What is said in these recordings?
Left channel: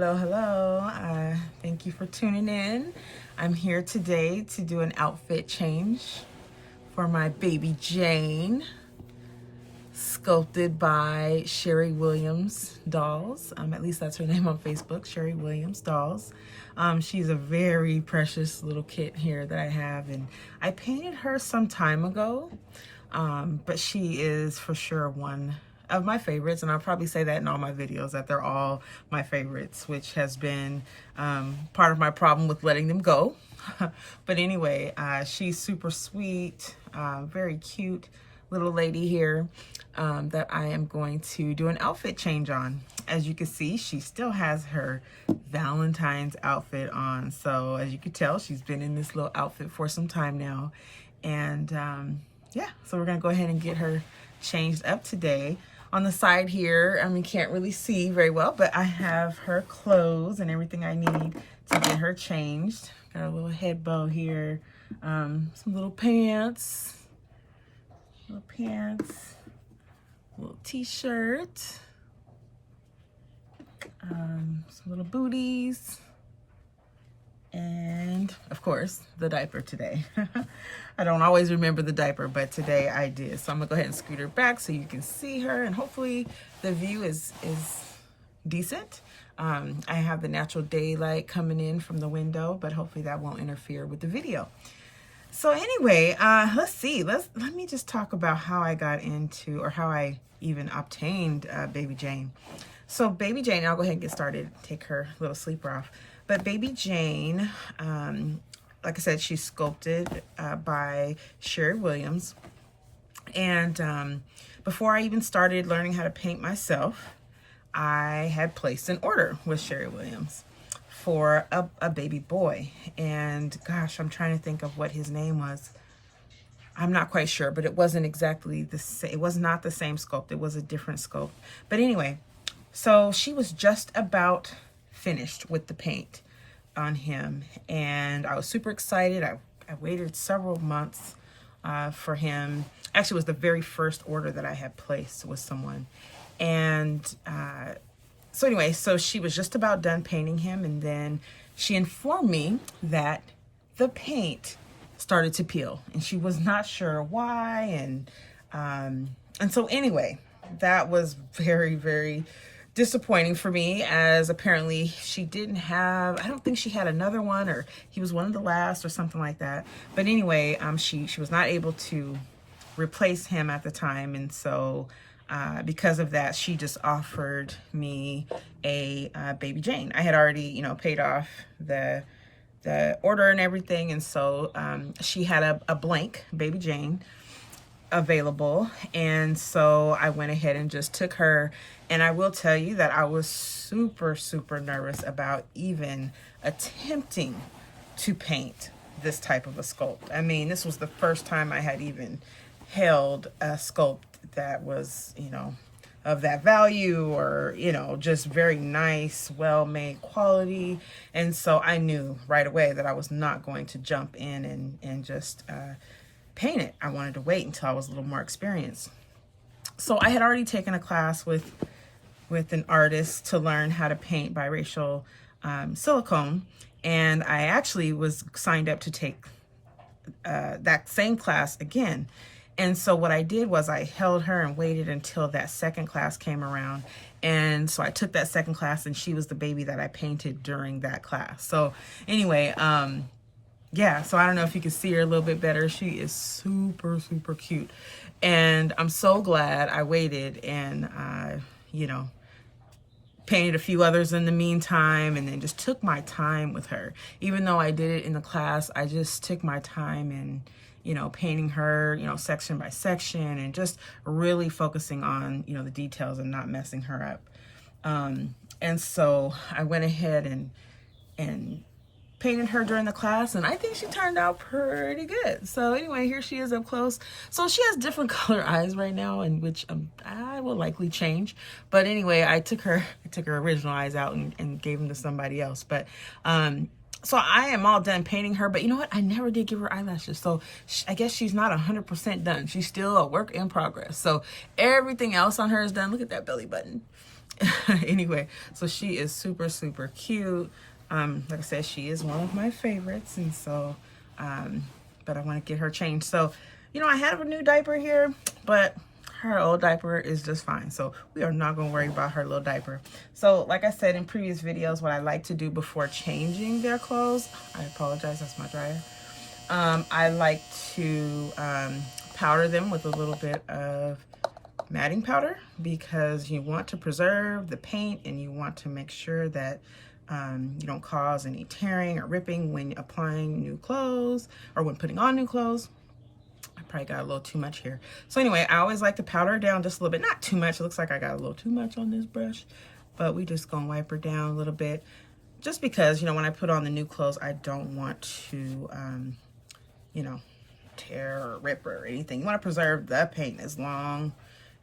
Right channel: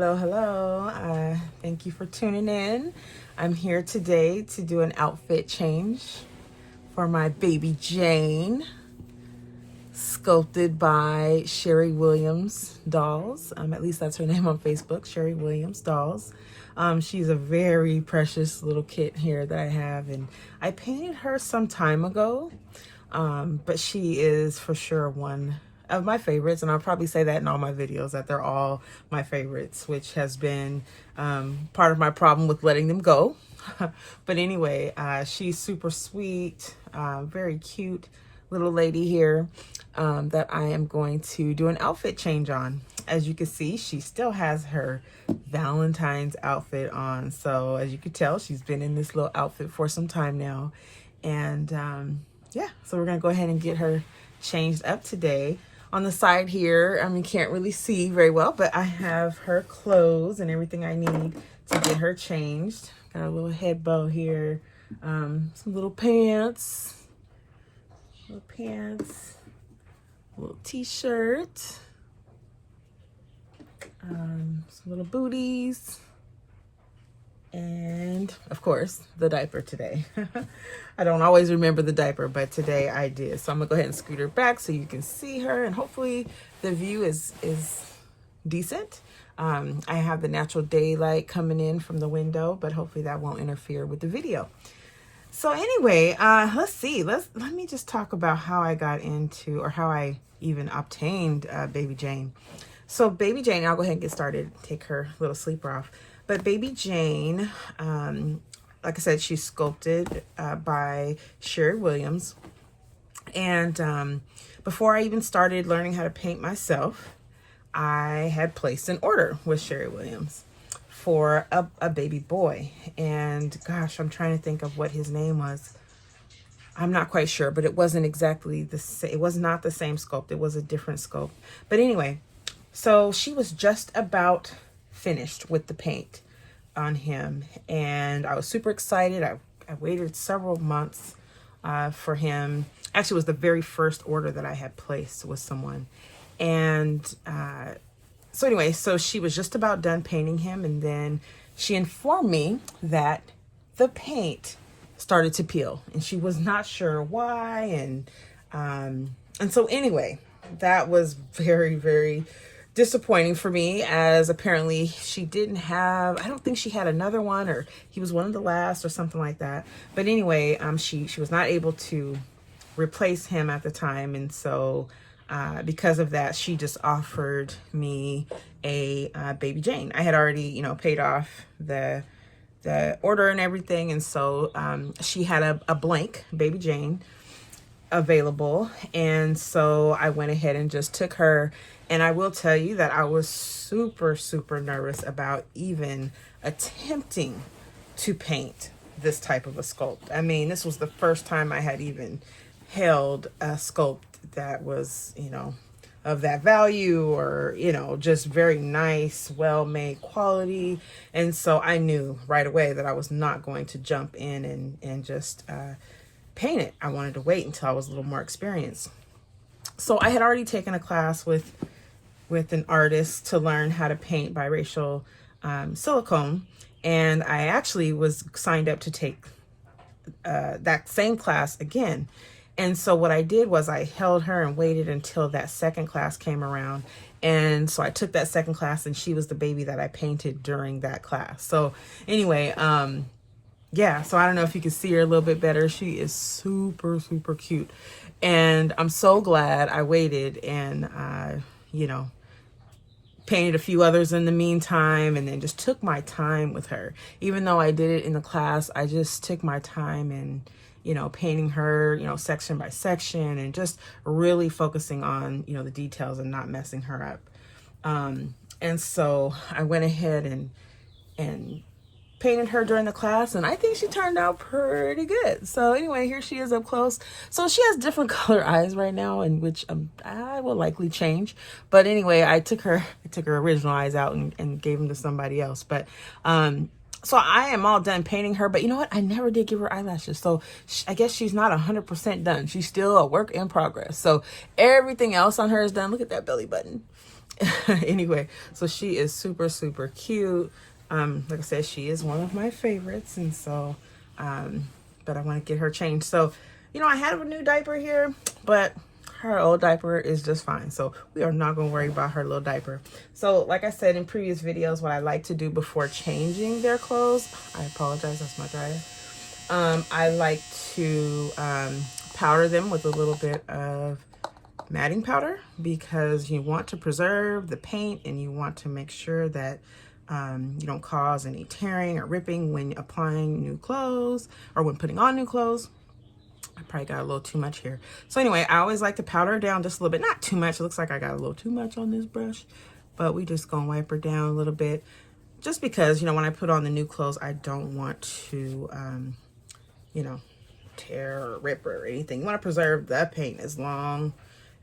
Hello. Thank you for tuning in. I'm here today to do an outfit change for my baby Jayne, sculpted by Sherri Williams Dolls. At least that's her name on Facebook, Sherri Williams Dolls. She's a very precious little kit here that I have, and I painted her some time ago, but she is for sure one of my favorites, and I'll probably say that in all my videos, that they're all my favorites, which has been part of my problem with letting them go. But anyway, she's super sweet, very cute little lady here that I am going to do an outfit change on. As you can see, she still has her Valentine's outfit on, so as you can tell, she's been in this little outfit for some time now. And yeah, so we're gonna go ahead and get her changed up today. On the side here, can't really see very well, but I have her clothes and everything I need to get her changed. Got a little head bow here, some little pants, little t-shirt, some little booties, and of course the diaper today. I don't always remember the diaper, but today I did. So I'm gonna go ahead and scoot her back so you can see her, and hopefully the view is decent. I have the natural daylight coming in from the window, but hopefully that won't interfere with the video. So anyway, let's see. Let me just talk about how I got into, or how I even obtained baby Jayne. So baby Jayne, I'll go ahead and get started, take her little sleeper off. But baby Jayne, like I said, she's sculpted by Sherri Williams. And before I even started learning how to paint myself, I had placed an order with Sherri Williams for a baby boy. And gosh, I'm trying to think of what his name was. I'm not quite sure, but it wasn't exactly the same. It was not the same sculpt. It was a different sculpt. But anyway, so she was just about finished with the paint on him, and I was super excited. I waited several months for him. Actually, it was the very first order that I had placed with someone. And so anyway, so she was just about done painting him, and then she informed me that the paint started to peel, and she was not sure why. And so anyway, that was very, very disappointing for me, as apparently she didn't have, I don't think she had another one, or he was one of the last or something like that. But anyway, she was not able to replace him at the time, and so because of that, she just offered me a baby Jayne. I had already, paid off the order and everything, and so she had a blank baby Jayne available, and so I went ahead and just took her. And I will tell you that I was super, super nervous about even attempting to paint this type of a sculpt. I mean, this was the first time I had even held a sculpt that was, of that value, or, just very nice, well-made quality. And so I knew right away that I was not going to jump in and just paint it. I wanted to wait until I was a little more experienced. So I had already taken a class with an artist to learn how to paint biracial silicone, and I actually was signed up to take that same class again. And so what I did was I held her and waited until that second class came around, and so I took that second class, and she was the baby that I painted during that class. So anyway, yeah, so I don't know if you can see her a little bit better. She is super, super cute, and I'm so glad I waited, and painted a few others in the meantime, and then just took my time with her. Even though I did it in the class, I just took my time and, painting her, section by section, and just really focusing on, the details and not messing her up. And so I went ahead and painted her during the class, and I think she turned out pretty good. So anyway, here she is up close. So she has different color eyes right now, in which I will likely change. But anyway, I took her original eyes out and gave them to somebody else. But so I am all done painting her, but you know what? I never did give her eyelashes. So I guess she's not 100% done. She's still a work in progress. So everything else on her is done. Look at that belly button. Anyway, so she is super, super cute. Like I said, she is one of my favorites. And so, but I want to get her changed. So, you know, I have a new diaper here, but her old diaper is just fine. So we are not going to worry about her little diaper. So like I said in previous videos, what I like to do before changing their clothes, I apologize, that's my dryer. I like to powder them with a little bit of matting powder, because you want to preserve the paint and you want to make sure that you don't cause any tearing or ripping when applying new clothes or when putting on new clothes. I probably got a little too much here. So anyway, I always like to powder her down just a little bit. Not too much. It looks like I got a little too much on this brush, but we just gonna wipe her down a little bit, just because, you know, when I put on the new clothes, I don't want to, you know, tear or rip or anything. You want to preserve the paint as long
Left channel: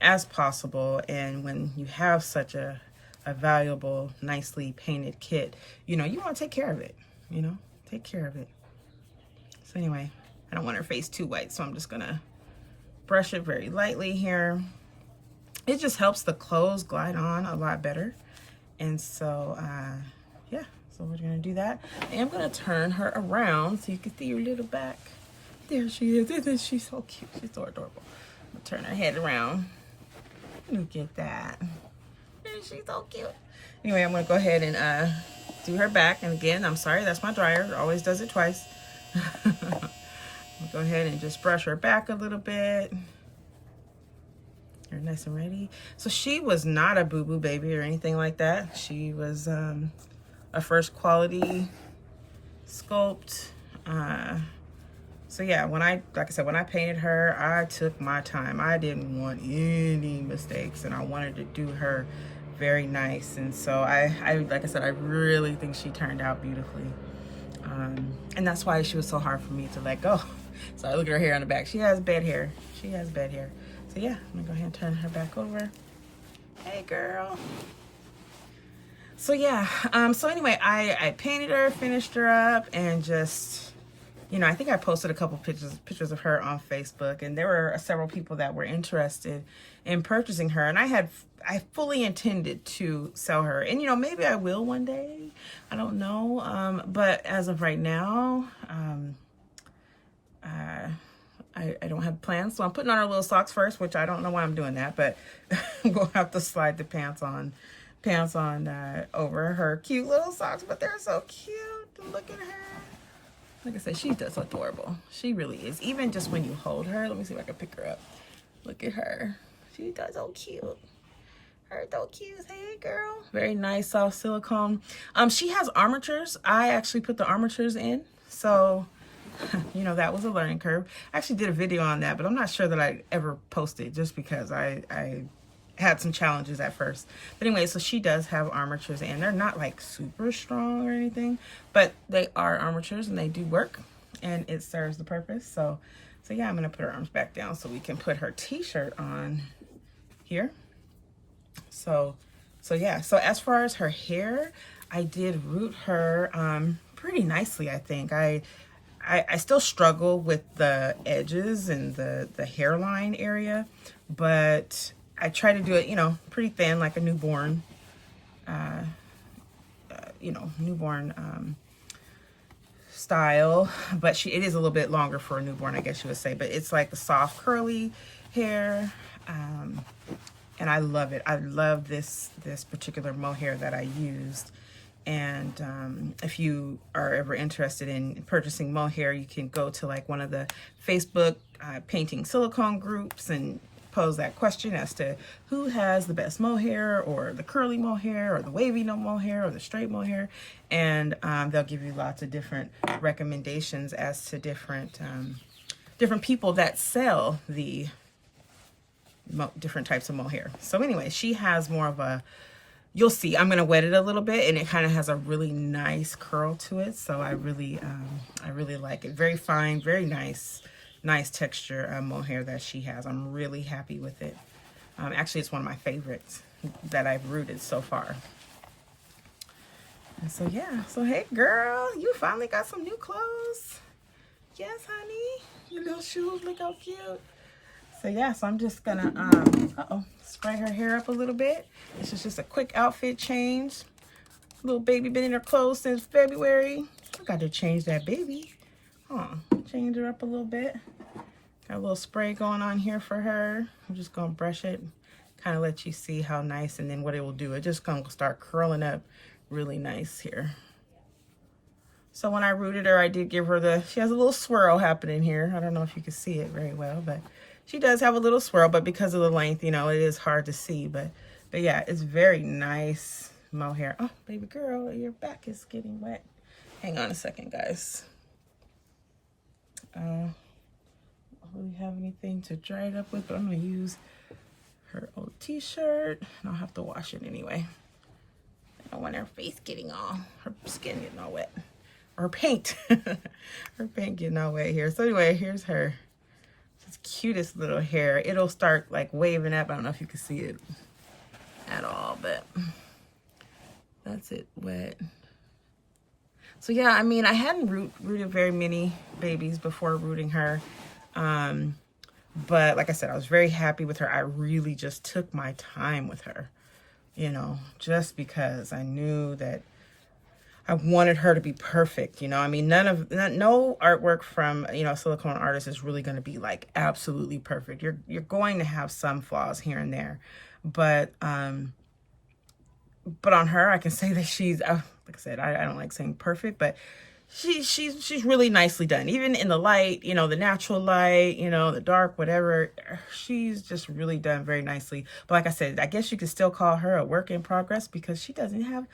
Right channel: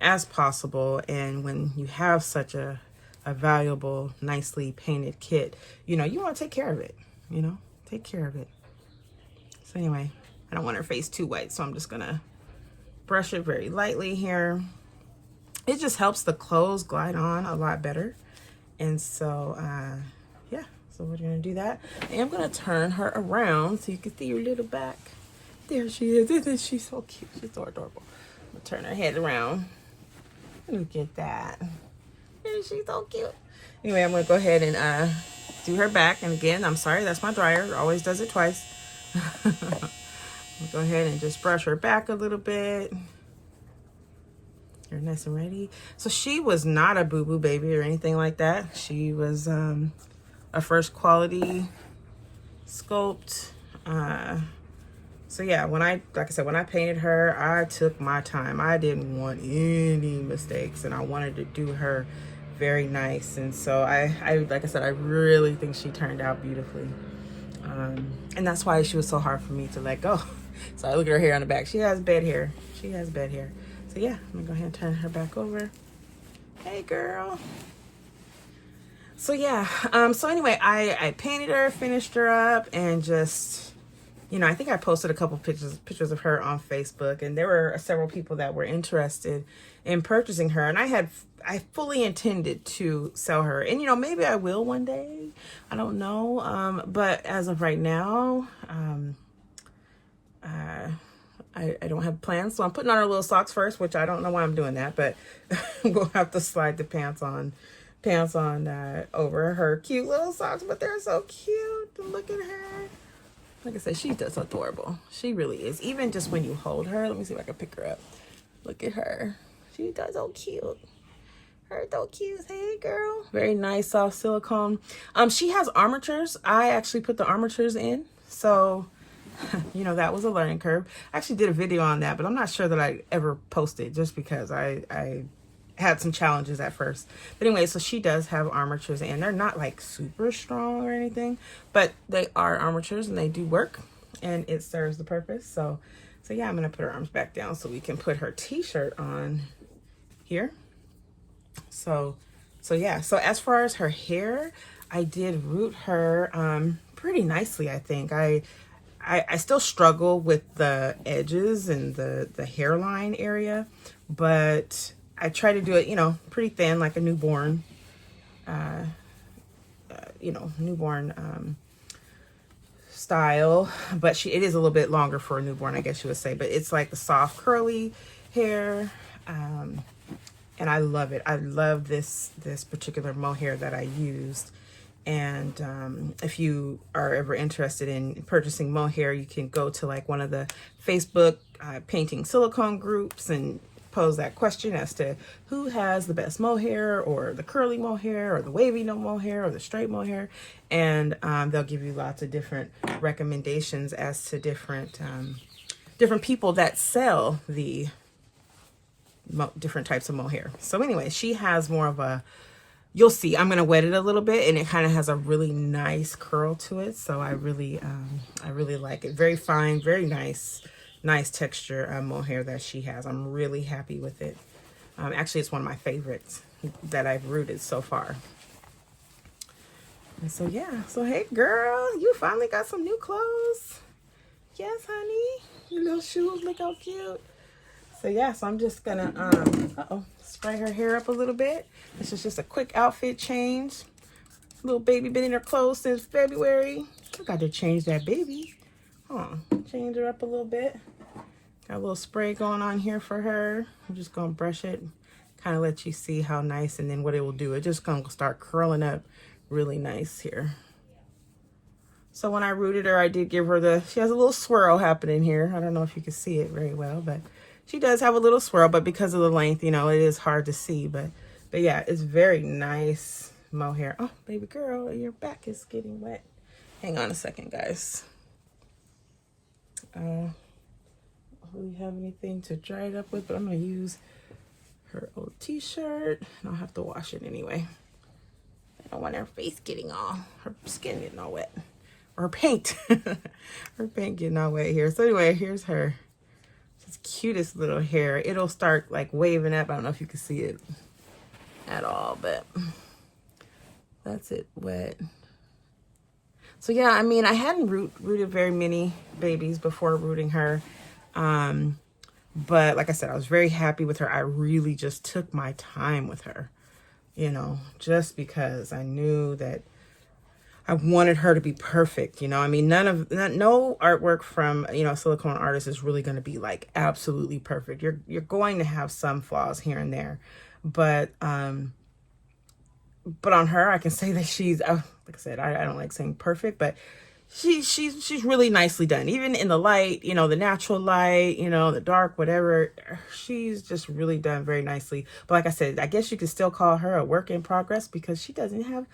as possible. And when you have such a valuable, nicely painted kit, you know, you want to take care of it, you know, take care of it. So anyway, I don't want her face too white, so I'm just gonna brush it very lightly here. It just helps the clothes glide on a lot better. And so, yeah, so we're gonna do that. And I'm gonna turn her around so you can see her little back. There she is. Isn't she so cute? She's so adorable. I'm gonna turn her head around. Look at that. Isn't she so cute? Anyway, I'm gonna go ahead and do her back. And again, I'm sorry, that's my dryer. It always does it twice. Go ahead and just brush her back a little bit. You're nice and ready. So she was not a boo-boo baby or anything like that. She was a first quality sculpt. So yeah, like I said, when I painted her, I took my time. I didn't want any mistakes, and I wanted to do her very nice. And so I like I said, I really think she turned out beautifully. And that's why she was so hard for me to let go. So I look at her hair on the back. She has bad hair. She has bad hair. So yeah, I'm gonna go ahead and turn her back over. Hey girl. So yeah, so anyway, I painted her, finished her up, and just, you know, I think I posted a couple pictures of her on Facebook, and there were several people that were interested in purchasing her, and I fully intended to sell her. And you know, maybe I will one day. I don't know. But as of right now, I don't have plans. So I'm putting on her little socks first, which I don't know why I'm doing that, but I'm going to have to slide the pants on over her cute little socks. But they're so cute. Look at her. Like I said, she's just adorable. She really is. Even just when you hold her, let me see if I can pick her up. Look at her. She does so cute. Her so cute. Hey girl. Very nice soft silicone. She has armatures. I actually put the armatures in. So, you know, that was a learning curve. I actually did a video on that, but I'm not sure that I ever posted, just because I had some challenges at first. But anyway, so she does have armatures, and they're not like super strong or anything, but they are armatures and they do work, and it serves the purpose. So yeah, I'm gonna put her arms back down so we can put her t-shirt on here. So yeah, so as far as her hair, I did root her pretty nicely. I think I still struggle with the edges and the hairline area, but I try to do it, you know, pretty thin, like a newborn, style. But it is a little bit longer for a newborn, I guess you would say. But it's like the soft curly hair, and I love it. I love this particular mohair that I used. And if you are ever interested in purchasing mohair, you can go to like one of the Facebook painting silicone groups and pose that question as to who has the best mohair, or the curly mohair, or the wavy mohair, or the straight mohair, and they'll give you lots of different recommendations as to different people that sell the different types of mohair. So anyway, she has more of a, you'll see, I'm going to wet it a little bit, and it kind of has a really nice curl to it. So I really like it. Very fine, very nice texture mohair that she has. I'm really happy with it. Actually, it's one of my favorites that I've rooted so far. And so yeah, so hey girl, you finally got some new clothes. Yes, honey. Your little shoes look how cute. So yeah, so I'm just gonna spray her hair up a little bit. This is just a quick outfit change. Little baby been in her clothes since February. I got to change that baby. Change her up a little bit. Got a little spray going on here for her. I'm just gonna brush it, kind of let you see how nice, and then what it will do. It's just gonna start curling up really nice here. So when I rooted her, I did give her she has a little swirl happening here. I don't know if you can see it very well, but she does have a little swirl, but because of the length, you know, it is hard to see. But yeah, it's very nice mohair. Oh, baby girl, your back is getting wet. Hang on a second, guys. Don't really have anything to dry it up with, but I'm gonna use her old t-shirt, and I'll have to wash it anyway. I don't want her face getting her skin getting all wet. Or paint. Her paint getting all wet here. So anyway, here's her. This cutest little hair. It'll start like waving up. I don't know if you can see it at all, but that's it wet. So yeah, I mean, I hadn't rooted very many babies before rooting her. But like I said, I was very happy with her. I really just took my time with her, you know, just because I knew that I wanted her to be perfect, you know. I mean, no artwork from, you know, a silicone artist is really going to be like absolutely perfect. You're going to have some flaws here and there, but on her, I can say that she's, like I said, I don't like saying perfect, but she's really nicely done. Even in the light, you know, the natural light, you know, the dark, whatever, she's just really done very nicely. But like I said, I guess you could still call her a work in progress because she doesn't have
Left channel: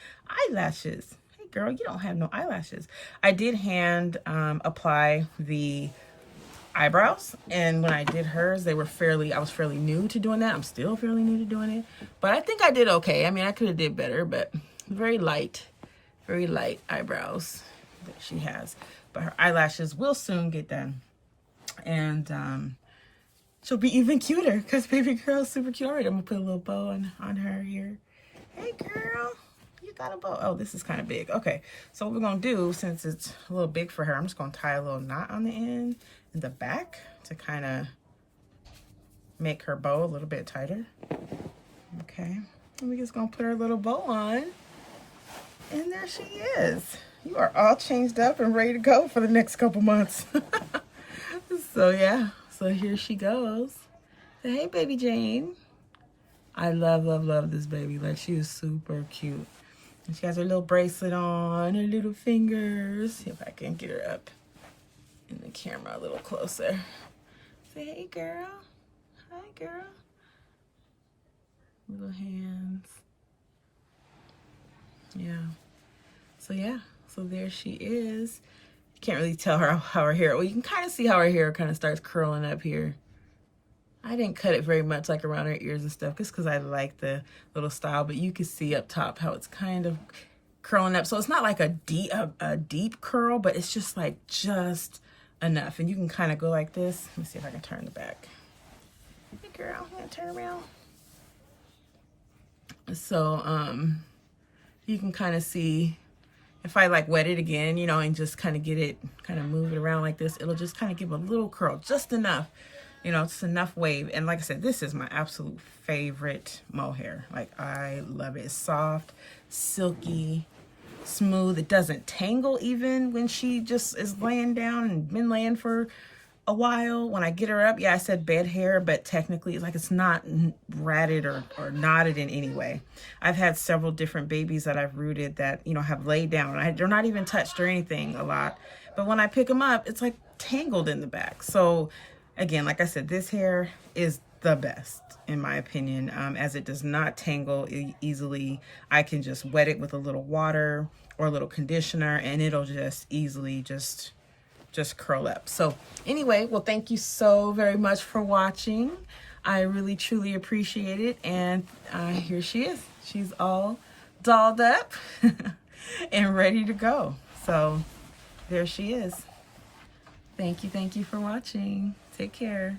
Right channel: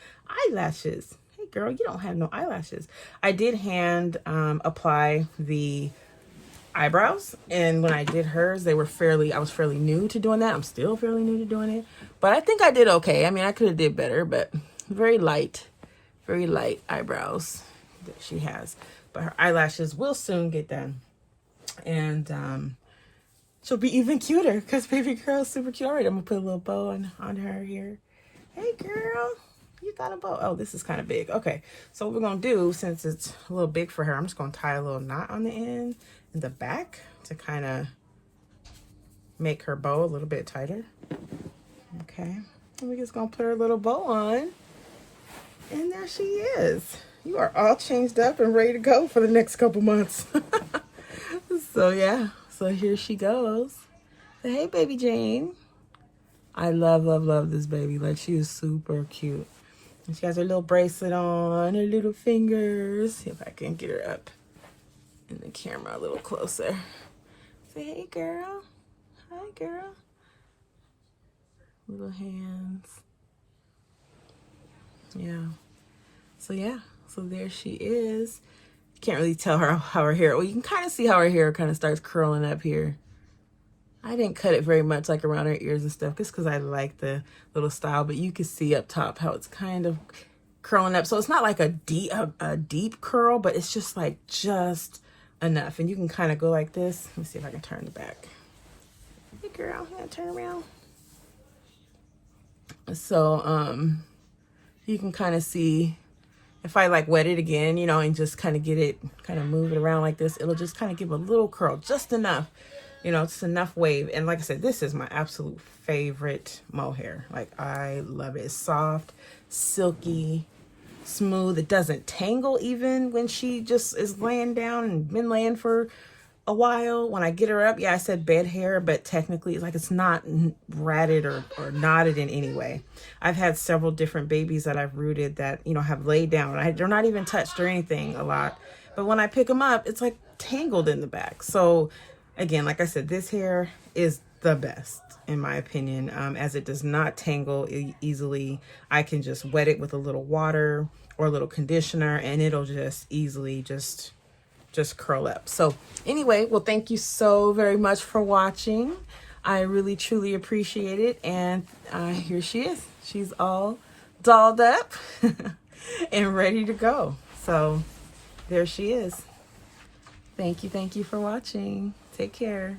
eyelashes. Girl, you don't have no eyelashes. I did hand apply the eyebrows, and when I did hers, I was fairly new to doing that. I'm still fairly new to doing it, but I think I did okay. I mean, I could have did better, but very light eyebrows that she has. But her eyelashes will soon get done, and she'll be even cuter because baby girl's super cute. All right, I'm gonna put a little bow on her here. Hey girl, you got a bow. Oh, this is kind of big. Okay, so what we're gonna do, since it's a little big for her, I'm just gonna tie a little knot on the end in the back to kind of make her bow a little bit tighter. Okay, and we're just gonna put her little bow on, and there she is. You are all changed up and ready to go for the next couple months. So yeah, so here she goes. Say, hey, baby Jayne. I love this baby. Like, she is super cute. And she has her little bracelet on, her little fingers. See if I can get her up in the camera a little closer. Say, hey, girl. Hi, girl. Little hands. Yeah. So, yeah. So, there she is. You can't really tell her how her hair... Well, you can kind of see how her hair kind of starts curling up here. I didn't cut it very much, like around her ears and stuff, just because I like the little style. But you can see up top how it's kind of curling up. So it's not like a deep curl, but it's just like just enough. And you can kind of go like this. Let me see if I can turn the back. Hey girl, you gonna turn around? So you can kind of see if I like wet it again, you know, and just kind of get it, kind of move it around like this. It'll just kind of give a little curl, just enough. You know, it's enough wave. And like I said, this is my absolute favorite mohair. Like, I love it. It's soft, silky, smooth. It doesn't tangle even when she just is laying down and been laying for a while. When I get her up, yeah, I said bed hair, but technically like it's not ratted or knotted in any way. I've had several different babies that I've rooted that, you know, have laid down. They're not even touched or anything a lot. But when I pick them up, it's like tangled in the back. So again, like I said, this hair is the best in my opinion, as it does not tangle easily. I can just wet it with a little water or a little conditioner and it'll just easily just curl up. So anyway, well, thank you so very much for watching. I really truly appreciate it. And here she is. She's all dolled up and ready to go. So there she is. Thank you for watching. Take care.